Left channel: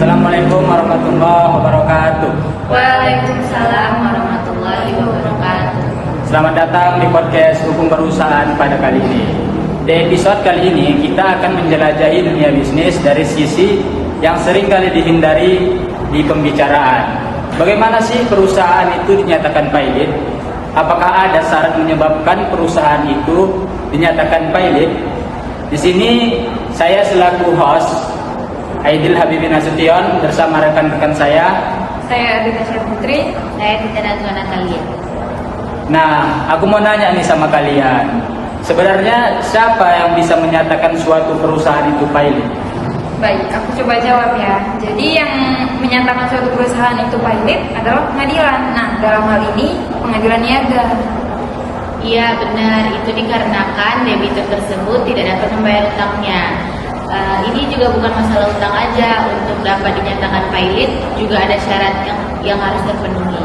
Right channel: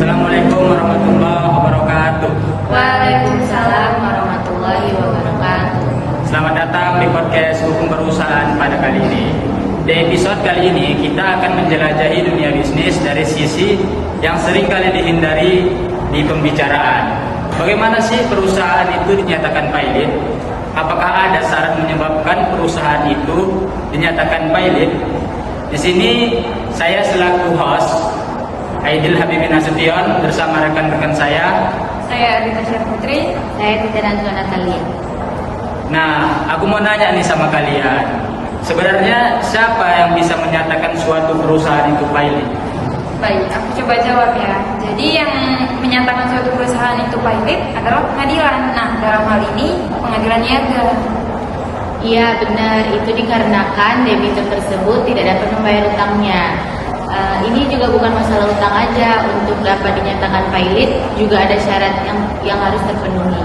Assalamualaikum warahmatullahi wabarakatuh. Waalaikumsalam warahmatullahi wabarakatuh. Selamat datang di podcast Hukum Perusahaan pada kali ini. Di episode kali ini kita akan menjelajahi dunia bisnis dari sisi yang sering kali dihindari di pembicaraan. Bagaimana sih perusahaan itu dinyatakan pilot? Apakah ada syarat menyebabkan perusahaan itu dinyatakan pilot? Di sini saya selaku host Aidil Habibin Nasution bersama rekan-rekan saya Adita Putri. Saya Kita Nazwana kalian. Nah, aku mau nanya nih sama kalian. Sebenarnya siapa yang bisa menyatakan suatu perusahaan itu pilot? Baik, aku coba jawab ya. Jadi yang menyatakan suatu perusahaan itu pilot adalah pengadilan. Nah, dalam hal ini pengadilan niaga. Iya benar, itu dikarenakan debitur tersebut tidak dapat membayar utangnya. Ini juga bukan masalah utang aja, untuk dapat dinyatakan pilot juga ada syarat yang harus terpenuhi.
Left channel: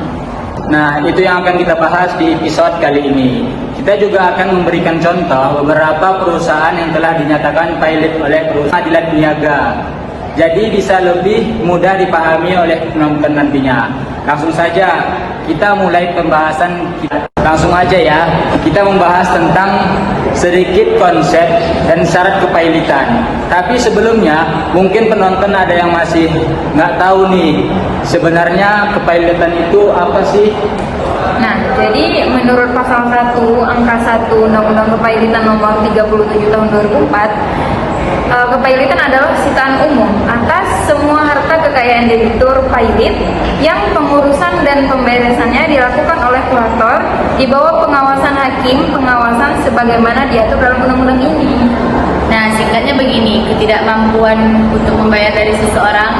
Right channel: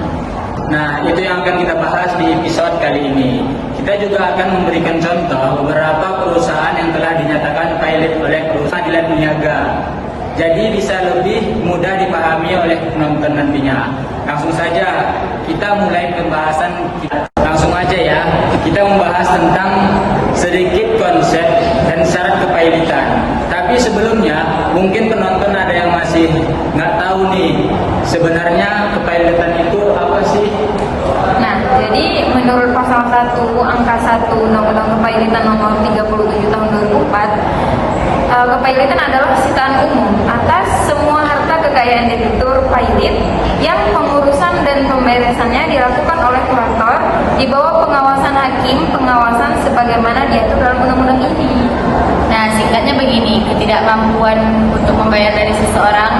Nah, itu yang akan kita bahas di episode kali ini. Kita juga akan memberikan contoh beberapa perusahaan yang telah dinyatakan pilot oleh perusahaan pengadilan niaga. Jadi bisa lebih mudah dipahami oleh penonton nantinya. Langsung saja kita mulai pembahasan kita. Langsung aja ya, kita membahas tentang sedikit konsep dan syarat kepilotan. Tapi sebelumnya, mungkin penonton ada yang masih nggak tahu nih, sebenarnya kepilotan itu apa sih? Nah, jadi menurut pasal 1 angka 1 Undang-Undang Kepilotan nomor 37 tahun 2004, kepilotan adalah sitaan umum atas semua harta kekayaan debitur pilot yang pengurusan dan pemberesannya dilakukan oleh kurator di bawah pengawasan hakim, pengawasan sebagaimana diatur dalam undang-undang ini. Nah, singkatnya begini, ketidakmampuan untuk membayar dari seseorang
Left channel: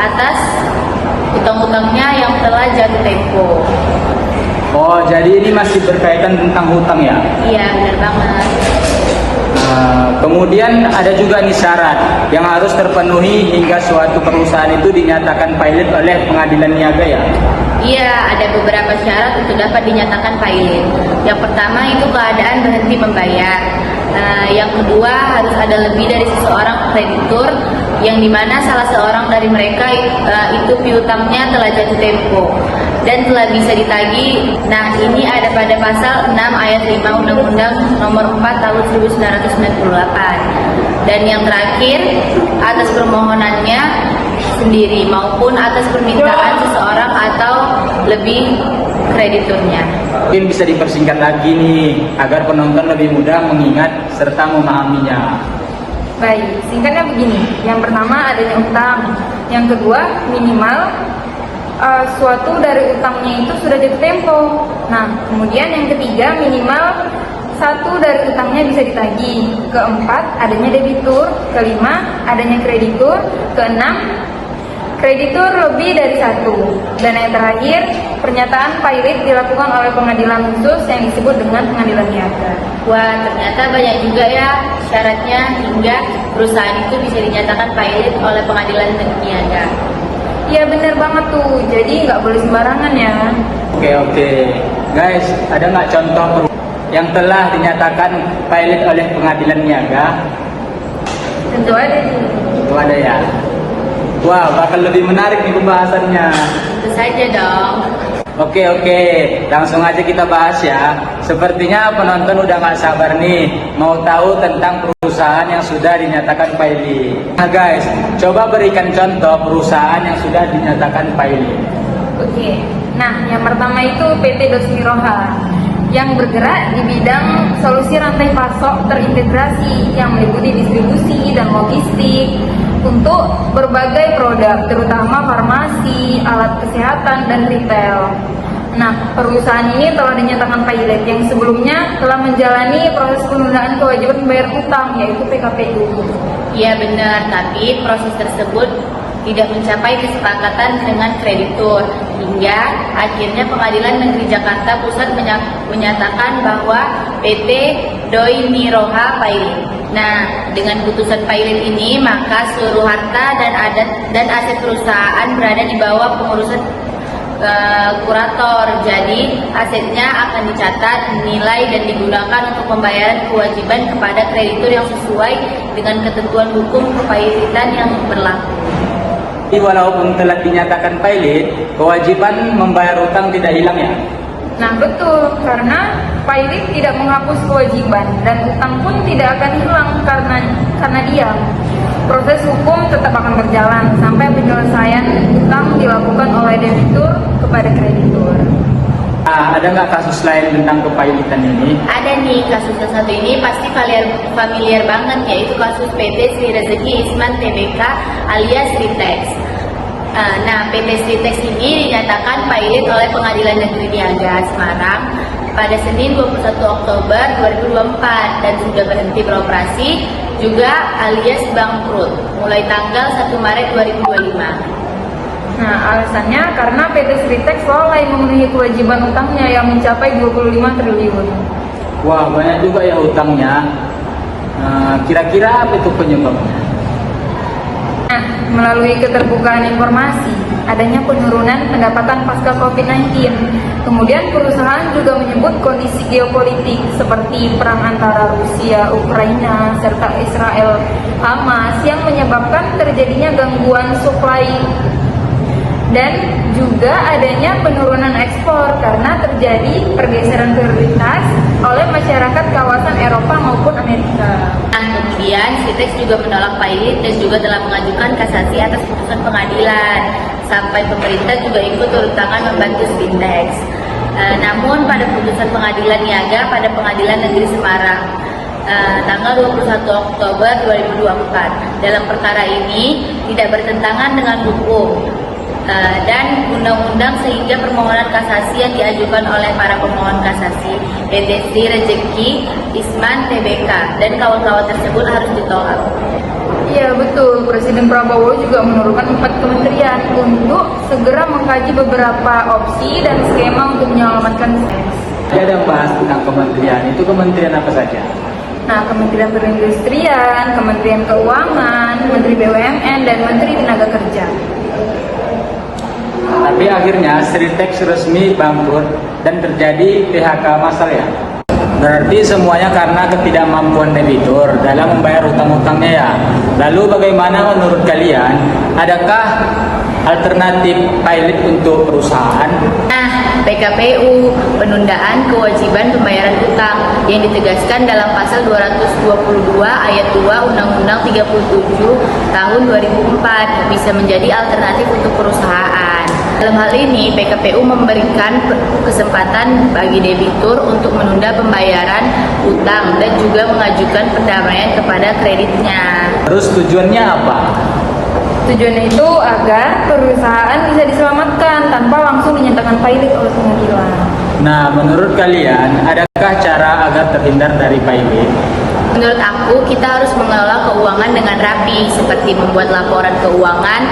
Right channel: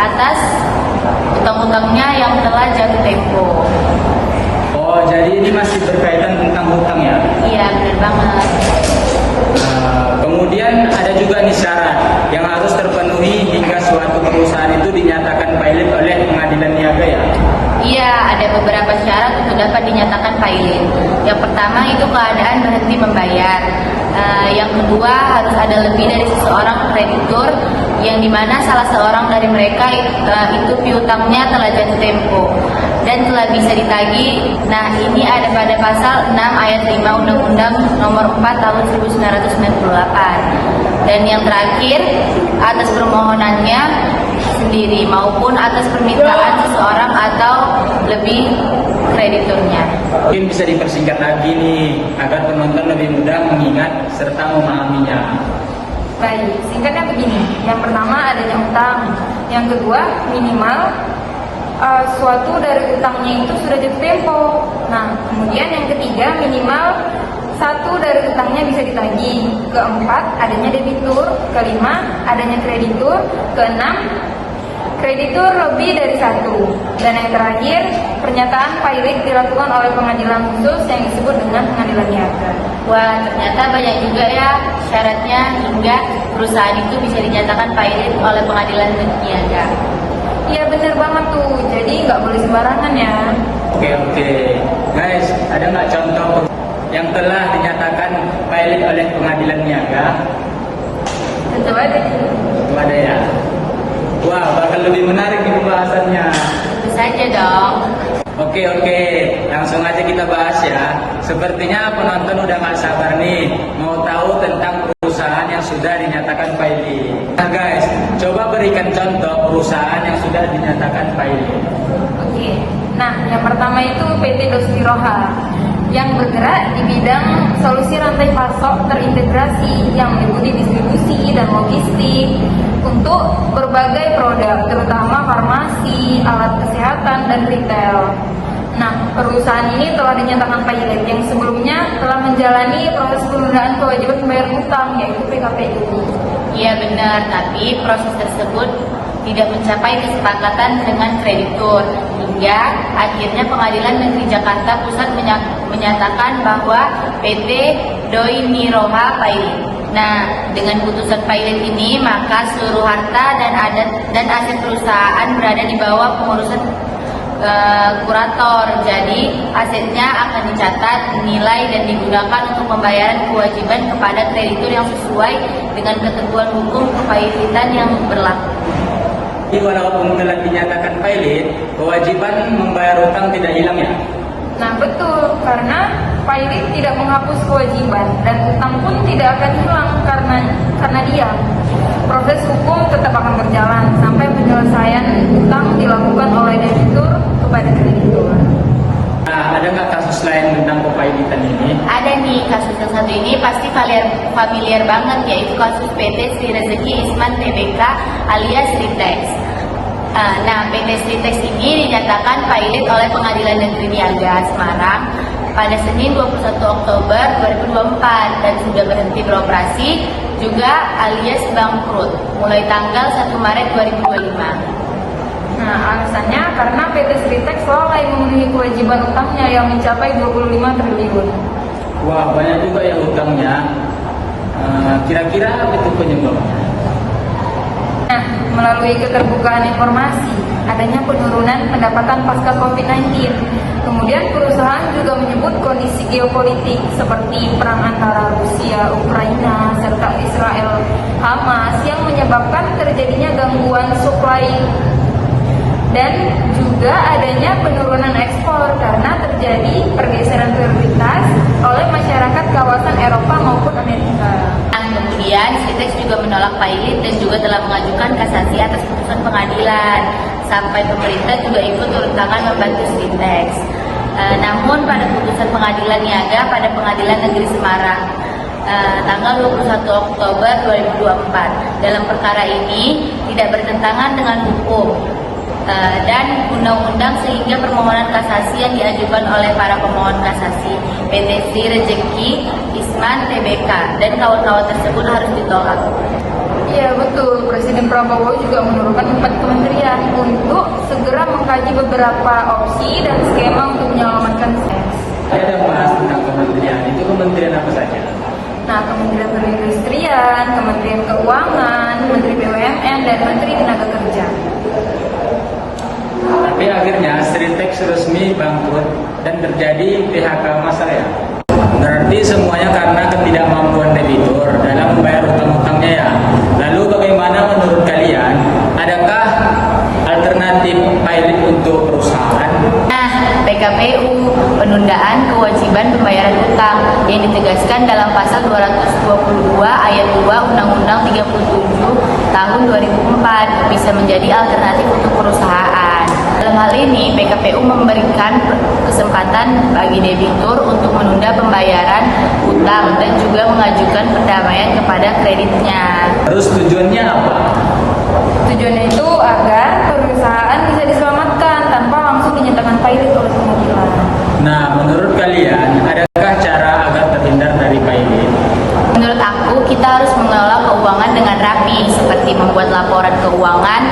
atas utang-utangnya yang telah jatuh tempo. Oh, jadi ini masih berkaitan tentang hutang ya? Iya, benar banget. Kemudian ada juga nih syarat yang harus terpenuhi hingga suatu perusahaan itu dinyatakan pilot oleh pengadilan niaga ya? Iya, ada beberapa syarat untuk dapat dinyatakan pilot. Yang pertama itu keadaan berhenti membayar. Yang kedua harus ada lebih dari seseorang kreditur yang dimana salah seorang dari mereka itu piutangnya telah jatuh tempo dan telah bisa ditagih. Nah, ini ada pada pasal 6 ayat 5 Undang-Undang nomor 4 tahun 1998. Dan yang terakhir, atas permohonannya sendiri maupun atas permintaan seseorang atau lebih krediturnya. Mungkin bisa dipersingkat lagi nih, agar penonton lebih mudah mengingat serta memahaminya. Baik, singkatnya begini. Yang pertama adanya utang. Yang kedua minimal suatu dari utangnya itu sudah jatuh tempo. Nah, kemudian yang ketiga minimal satu dari utangnya bisa ditagih. Keempat adanya debitur. Kelima adanya kreditur. Keenam kreditur lebih dari satu. Dan yang terakhir, pernyataan pilot dilakukan oleh pengadilan khusus yang disebut dengan pengadilan niaga. Wah, ternyata banyak juga ya syaratnya hingga perusahaan itu bisa dinyatakan pilot oleh pengadilan niaga. Ya benar banget tuh, jadi nggak boleh sembarangan ya. Oke. Guys, ada nggak contoh yang telah dinyatakan pilot oleh pengadilan niaga? Tentu ada sih. Itu ada ya? Wah, bakal lebih menarik nih pembahasannya. Tentu saja dong. Oke, langsung aja kita bahas ya. Sepertinya penonton udah gak sabar nih mau tahu tentang perusahaan yang sudah dinyatakan pilot. Nah guys, coba berikan contoh perusahaan yang sudah dinyatakan pilot. Oke, nah yang pertama itu PT Dosmiroha yang bergerak di bidang solusi rantai pasok terintegrasi yang meliputi distribusi dan logistik untuk berbagai produk, terutama farmasi, alat kesehatan, dan retail. Nah, perusahaan ini telah dinyatakan pilot yang sebelumnya telah menjalani proses penundaan kewajiban membayar utang, yaitu PKPU. Iya benar, tapi proses tersebut tidak mencapai kesepakatan dengan kreditur hingga akhirnya Pengadilan Negeri Jakarta Pusat menyatakan bahwa PT Doi Miroha pilot. Nah, dengan putusan pilot ini maka seluruh harta dan aset perusahaan berada di bawah pengurusan kurator. Jadi asetnya akan dicatat, dinilai dan digunakan untuk pembayaran kewajiban kepada kreditur yang sesuai dengan ketentuan hukum kepilotan yang berlaku. Jadi walaupun telah dinyatakan pilot, kewajiban membayar utang tidak hilang ya? Nah betul, karena pilot tidak menghapus kewajiban dan utang pun tidak akan hilang karena diam. Proses hukum tetap akan berjalan sampai penyelesaian utang dilakukan oleh debitur kepada kreditur. Nah, ada nggak kasus lain tentang kepailitan ini? Ada nih, kasus yang satu ini pasti familiar banget, yaitu kasus PT Sri Rezeki Isman Tbk alias Ritex. Nah, PT Ritex ini dinyatakan pilot oleh Pengadilan Negeri Niaga Semarang pada Senin 21 Oktober 2024 dan sudah berhenti beroperasi juga alias bangkrut mulai tanggal 1 Maret 2025. Nah, alasannya karena PT Sritex lalai memenuhi kewajiban utangnya yang mencapai 25 triliun. Wah, banyak juga ya utangnya. Kira-kira apa itu penyebabnya? Nah, melalui keterbukaan informasi, adanya penurunan pendapatan pasca COVID-19. Kemudian perusahaan juga menyebut kondisi geopolitik seperti perang antara Rusia, Ukraina, serta Israel, Hamas yang menyebabkan terjadinya gangguan supply dan juga adanya penurunan ekspor karena terjadi pergeseran prioritas oleh masyarakat kawasan Eropa maupun Amerika. Kemudian Sritex juga menolak pilot dan juga telah mengajukan kasasi atas putusan pengadilan. Sampai pemerintah juga ikut turun tangan membantu Sritex. Namun pada putusan pengadilan niaga pada Pengadilan Negeri Semarang tanggal 21 Oktober 2024 dalam perkara ini tidak bertentangan dengan hukum dan undang-undang sehingga permohonan kasasi yang diajukan oleh para pemohon kasasi PT Sri Rezeki Isman Tbk dan kawan-kawan tersebut harus ditolak. Iya betul, Presiden Prabowo juga menurunkan 4 kementerian untuk segera mengkaji beberapa opsi dan skema untuk menyelamatkan Sritex. Ada bahas tentang kementerian, itu kementerian apa saja? Nah, Kementerian Perindustrian, Kementerian Keuangan, Menteri BUMN, dan Menteri Tenaga Kerja. Tapi akhirnya Sritex resmi bangkrut dan terjadi PHK massal ya. Berarti semuanya karena ketidakmampuan debitur dalam membayar utang-utangnya ya. Lalu bagaimana menurut kalian? Adakah alternatif pilot untuk perusahaan? Nah, PKPU penundaan kewajiban pembayaran utang yang ditegaskan dalam pasal 222 ayat 2 Undang-Undang 37 tahun 2004 bisa menjadi alternatif untuk perusahaan. Dalam hal ini, PKPU memberikan kesempatan bagi debitur untuk menunda pembayaran utang dan juga mengajukan perdamaian kepada kreditnya. Terus tujuannya apa? Tujuannya itu agar perusahaan bisa diselamatkan tanpa langsung dinyatakan pilot oleh pengadilan. Nah, menurut kalian, adakah cara agar terhindar dari pilot? Menurut aku, kita harus mengelola keuangan dengan rapi, seperti membuat laporan keuangan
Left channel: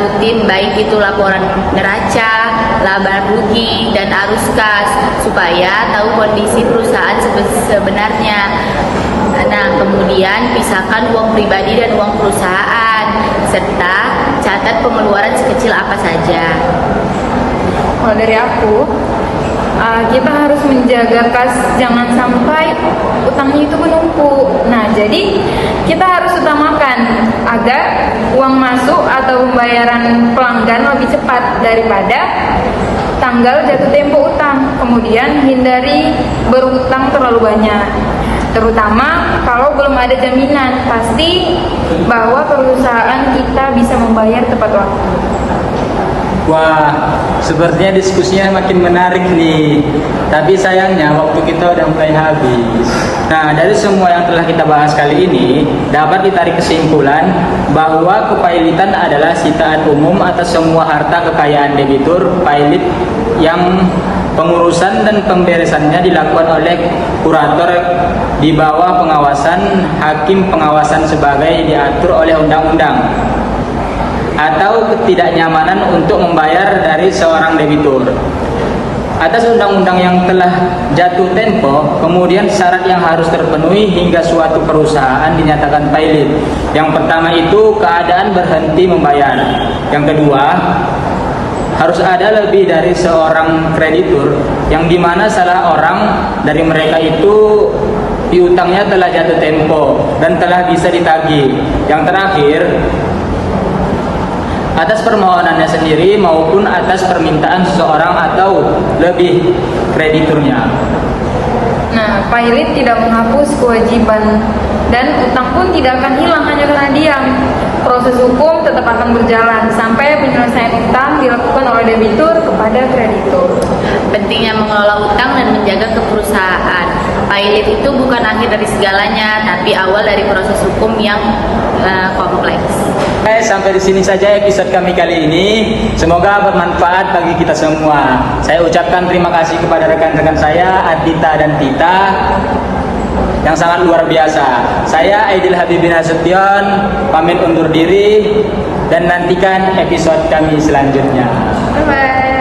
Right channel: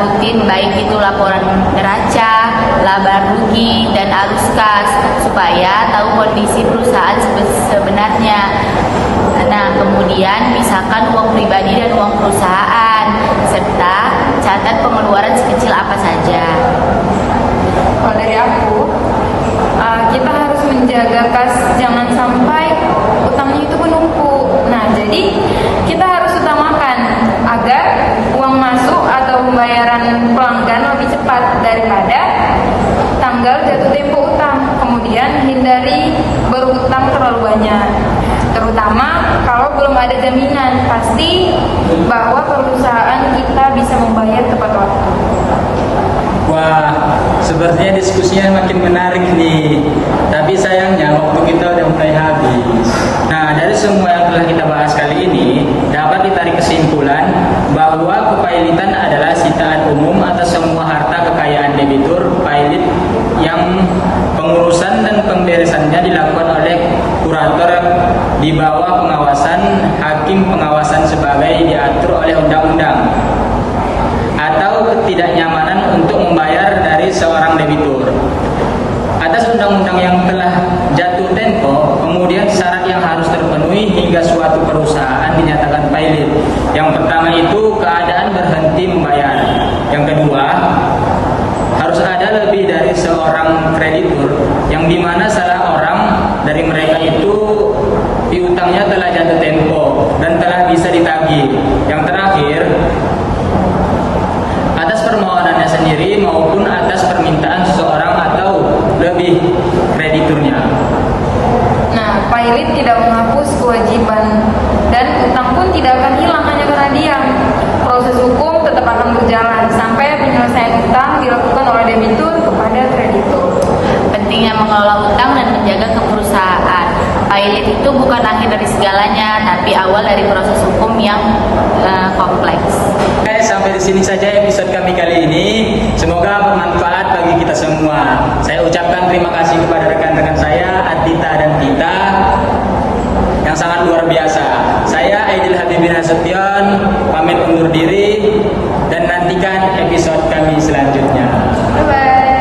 rutin, baik itu laporan neraca, laba rugi, dan arus kas, supaya tahu kondisi perusahaan sebenarnya. Nah, kemudian pisahkan uang pribadi dan uang perusahaan, serta catat pengeluaran sekecil apa saja. Kalau dari aku, kita harus menjaga kas, jangan sampai utangnya itu menumpuk. Nah, jadi kita harus utamakan agar uang masuk atau pembayaran pelanggan lebih cepat daripada tanggal jatuh tempo utang. Kemudian hindari berutang terlalu banyak, terutama kalau belum ada jaminan pasti bahwa perusahaan kita bisa membayar tepat waktu. Wah, sepertinya diskusinya makin menarik nih. Tapi sayangnya waktu kita udah mulai habis. Nah, dari semua yang telah kita bahas kali ini, dapat ditarik kesimpulan bahwa kepailitan adalah sitaan umum atas semua harta kekayaan debitur pilot yang pengurusan dan pemberesannya dilakukan oleh kurator di bawah pengawasan hakim pengawasan sebagai diatur oleh undang-undang, atau ketidaknyamanan untuk membayar dari seorang debitur. Atas undang-undang yang telah jatuh tempo, kemudian syarat yang harus terpenuhi hingga suatu perusahaan dinyatakan pilot. Yang pertama itu keadaan berhenti membayar. Yang kedua, harus ada lebih dari seorang kreditur, yang dimana salah orang dari mereka itu piutangnya telah jatuh tempo dan telah bisa ditagih. Yang terakhir, permohonannya sendiri maupun atas permintaan seseorang atau lebih krediturnya. Nah, pilot tidak menghapus kewajiban dan utang pun tidak akan hilang hanya karena diam. Proses hukum tetap akan berjalan sampai penyelesaian utang dilakukan oleh debitur kepada kreditur. Pentingnya mengelola utang dan menjaga keperusahaan. Pilot itu bukan akhir dari segalanya, tapi awal dari proses hukum yang kompleks. Sampai di sini saja episode kami kali ini. Semoga bermanfaat bagi kita semua. Saya ucapkan terima kasih kepada rekan-rekan saya, Adita dan Tita, yang sangat luar biasa. Saya Aidil Habibin Nasution, pamit undur diri dan nantikan episode kami selanjutnya. Bye-bye.